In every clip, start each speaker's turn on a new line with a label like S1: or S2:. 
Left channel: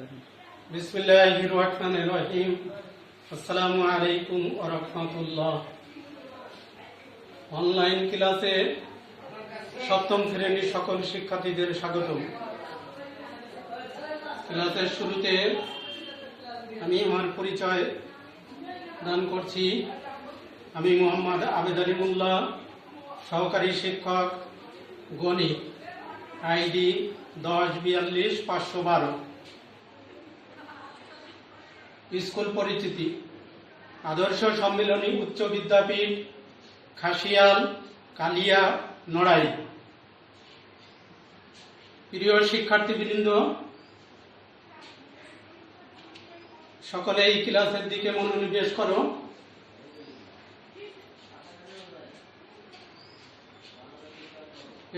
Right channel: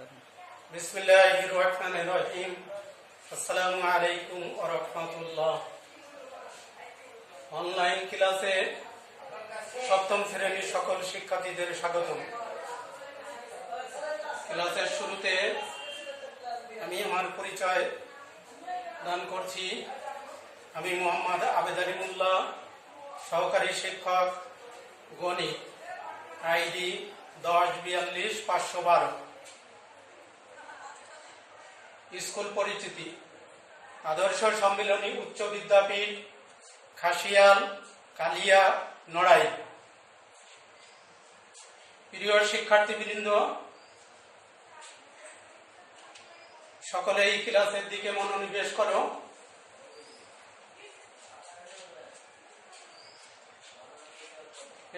S1: করেন।
S2: বিসমিল্লাহির রহিম। আসসালামু আলাইকুম ওয়া অনলাইন ক্লাসে সপ্তম শ্রেণির সকল শিক্ষার্থীদের স্বাগতম। ক্লাসের শুরুতে আমি আমার পরিচয় দান করছি। আমি মোহাম্মদ আবেদ আলিমুল্লাহ সহকারী শিক্ষক, গণিত, আইডি দশ, বিয়াল্লিশ, পাঁচশো বারো। স্কুল পরিচিতি, আদর্শ সম্মেলনী, উচ্চ বিদ্যাপীঠ, খাসিয়াল, কালিয়া নড়াই প্রিয় শিক্ষার্থীবৃন্দ সকলে এই ক্লাসের দিকে মনোনিবেশ করো।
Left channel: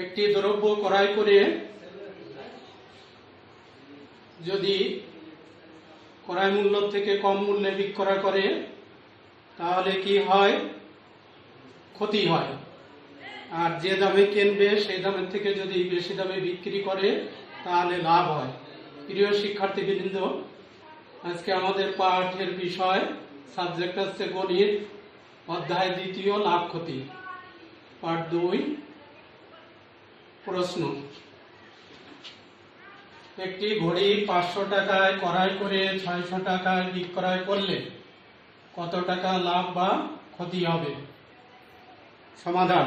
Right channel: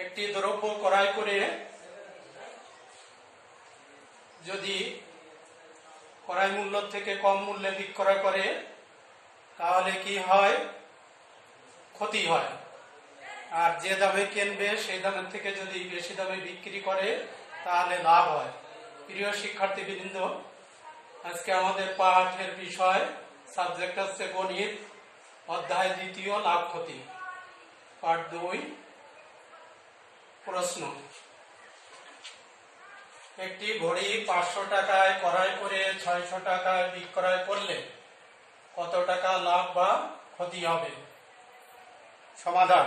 S2: একটি দ্রব্য ক্রয় করে যদি ক্রয় মূল্য থেকে কম মূল্যে বিক্রয় করে, তাহলে কি হয়? ক্ষতি হয়। আর যে দামে কিনবে, সেই দামের থেকে যদি বেশি দামে বিক্রি করে, তাহলে লাভ হয়। প্রিয় শিক্ষার্থীবৃন্দ, আজকে আমাদের পাঠের বিষয় সাবজেক্ট হচ্ছে গণিত, অধ্যায় দ্বিতীয়, লাভ ক্ষতি। পাঠ দুই, প্রশ্ন। একটি ঘড়ি পাঁচশো টাকায় ক্রয় করে ছয়শো টাকায় বিক্রয় করলে কত টাকা লাভ বা ক্ষতি হবে? সমাধান।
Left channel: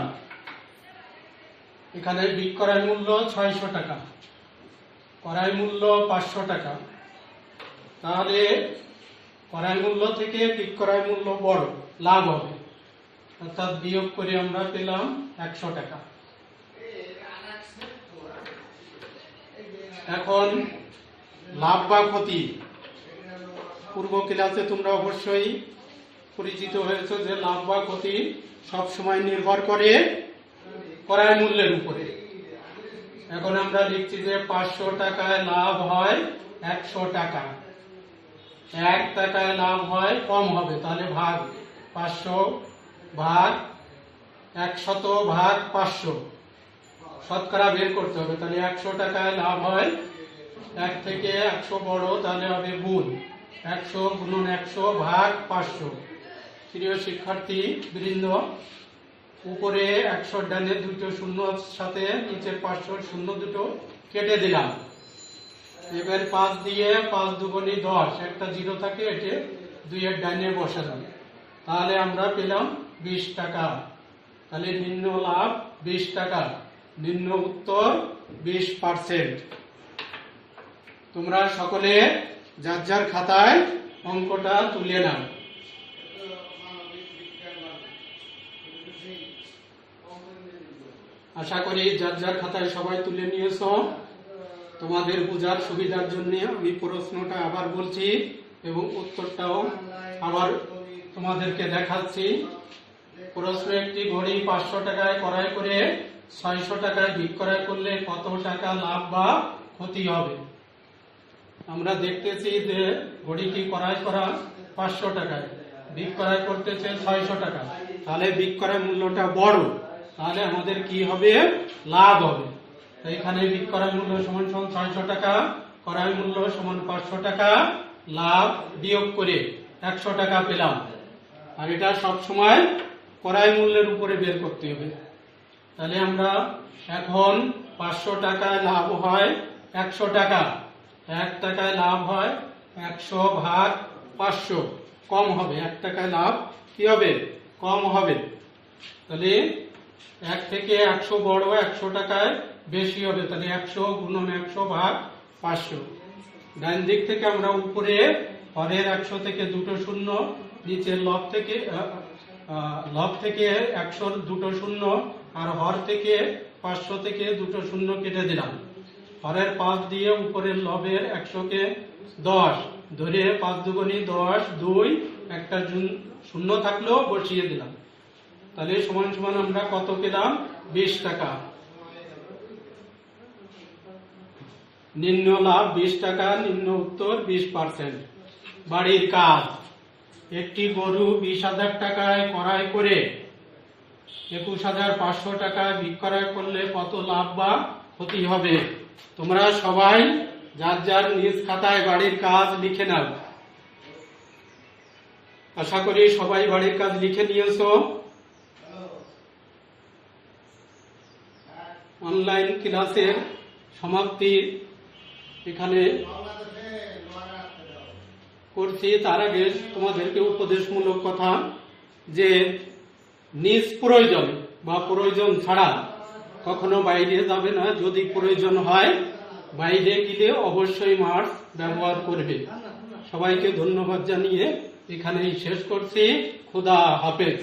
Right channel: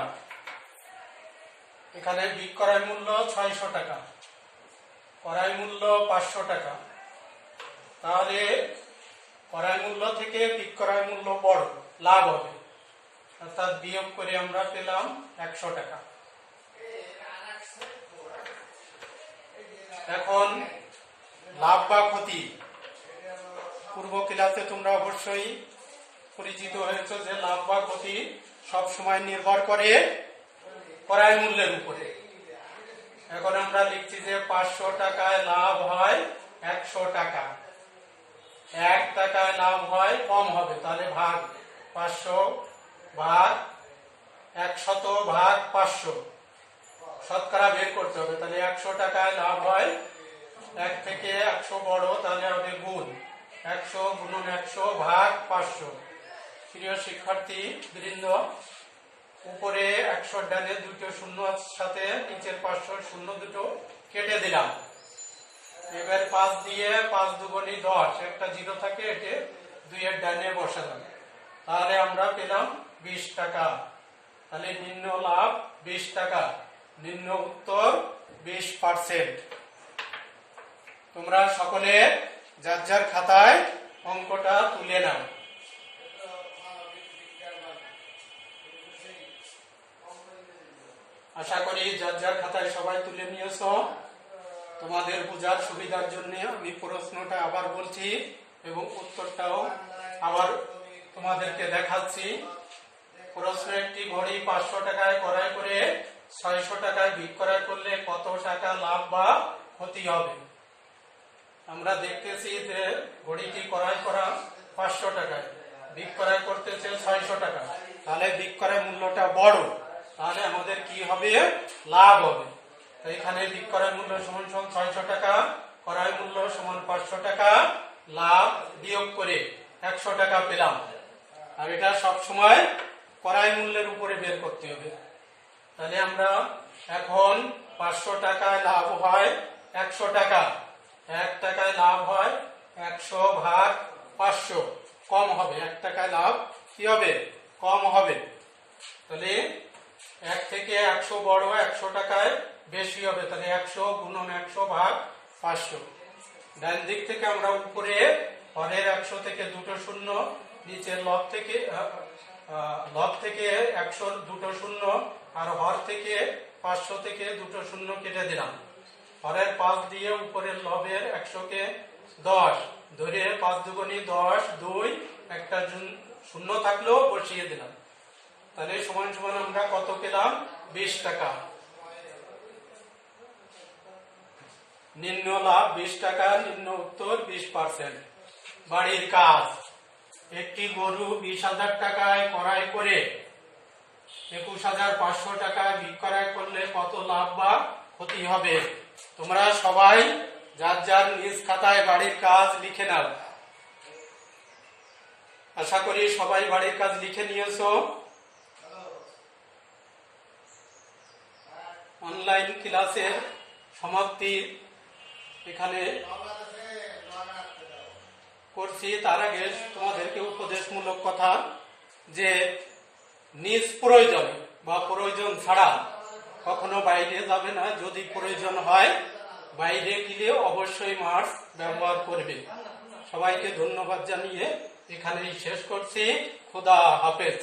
S2: এখানে বিক্রয় মূল্য ছয়শো টাকা, ক্রয় মূল্য পাঁচশো টাকা। তাহলে ক্রয় মূল্য থেকে বিক্রয় মূল্য বড়, লাভ হবে। অর্থাৎ বিয়োগ করে আমরা পেলাম একশো টাকা। এখন লাভ বা ক্ষতি? পূর্ব ক্লাসে তোমরা অবশ্যই পরিচিত হয়েছে যে লাভ বা ক্ষতি সবসময় নির্ভর করে ক্রয় মূল্যের উপরে। এখন আমরা লিখছি যে পাঁচশো টাকায় লাভ হয় একশো টাকা। এক টাকায় লাভ হয় কম হবে, তাহলে ভাগ পাঁচশো ভাগ একশত ভাগ পাঁচশো। শতকরা বের করতে হবে, তাহলে একশো টাকায় লাভ হয়। এক থেকে একশো বড়, তাহলে হবে গুণ। একশো গুণন একশো ভাগ পাঁচশো। প্রিয় শিক্ষার্থী, বৃন্দ, উপরে একশো ডানে দুটো শূন্য সাথে নিচের পাঁচশো শূন্য দুটো কেটে দিলাম। এবার পাঁচ দিয়ে পাঁচ দুগুণি দশ, একটা জিরো থাকে, এটি দুইয়ের ডানে বসালাম তাহলে আমরা পেলাম বিশ টাকা। তাহলে নিম্ন লাভ বিশ টাকা। নিম্ন উত্তর বিশ পার্সেন্ট তোমরা সকলে যার যার খাতায় অঙ্কটা তুলে নাও। আশা করি যার যার খাতায় সবাই তুলে নিয়েছো। তোমাদের বোঝার সুবিধার জন্য আমি প্রশ্নটা আবার বলছি এবং উত্তরটাও আবার তোমাদেরকে দেখাচ্ছি। প্রশ্ন একটি ঘড়ি পাঁচশো টাকায় ক্রয় করে ছয়শো টাকায় বিক্রয় করলে কত টাকা লাভ বা ক্ষতি হবে? আমরা দেখতেছি যে ঘড়িটি ক্রয় করা পাঁচশো টাকায়, বিক্রয় করতেছে ছয়শো টাকা। তাহলে বিক্রয় মূল্যটা বড়, তাহলে আমাদের কি হবে? লাভ হবে। এখানে বিক্রয় মূল্য সমান সমান ছয়শো টাকা, ক্রয় মূল্য সমান পাঁচশো টাকা, লাভ বিয়োগ করে একশো টাকা পেলাম। আর এটা সব সময় ক্রয় মূল্যের উপরে বের করতে হবে। তাহলে আমরা এখন পাঁচশো টাকায় লাভ হয় একশো টাকা। এক টাকায় লাভ হয় একশো ভাগ পাঁচশো। কম হবে। এক টাকায় লাভ কি হবে? কম হবে। তাহলে এক থেকে একশো বড় একশো টাকায় বেশি হবে। তাহলে একশো গুণন একশো ভাগ পাঁচশো। ডান দিক থেকে আমরা উপরে হরের একশো থেকে দুটো শূন্য, নিচের লব থেকে লব থেকে একশো দুটো শূন্য আর হর থেকে পাঁচশো থেকে দুটো শূন্য কেটে দিলাম। হরের পাঁচ দিয়ে উপরের লবের একশোকে দশ, ধরে পাঁচ দুগুণি দশ, দুই, একটা শূন্য থাকলেও বসিয়ে দিলাম। তাহলে সমান সমান আমরা কত পেলাম? বিশ টাকা। নিম্ন লাভ বিশ টাকা, নিম্ন উত্তর বিশ পার্সেন্ট বাড়ির কাজ। একটি গরু বিশ হাজার টাকায় ক্রয় করে একুশ হাজার পাঁচশো টাকা বিক্রয় করলে কত লাভ বা ক্ষতি হবে? তোমরা সবাই যার যার নিজ খাতায় বাড়ির কাজ লিখে নাও। আশা করি সবাই বাড়ির কাজ লিখে নিয়েছো। অনলাইন ক্লাসের সমাপ্তি এখানে করছি তার আগে তোমাদেরকে উপদেশমূলক কথা যে নিজ প্রয়োজন বা প্রয়োজন ছাড়া কখনো বাইরে যাবে না। যদি প্রয়োজন হয়, বাইরে গেলে অবশ্যই মাস্ক ব্যবহার করবে। সবাইকে ধন্যবাদ জানিয়ে এখানেই শেষ করছি। খোদা হাফেজ।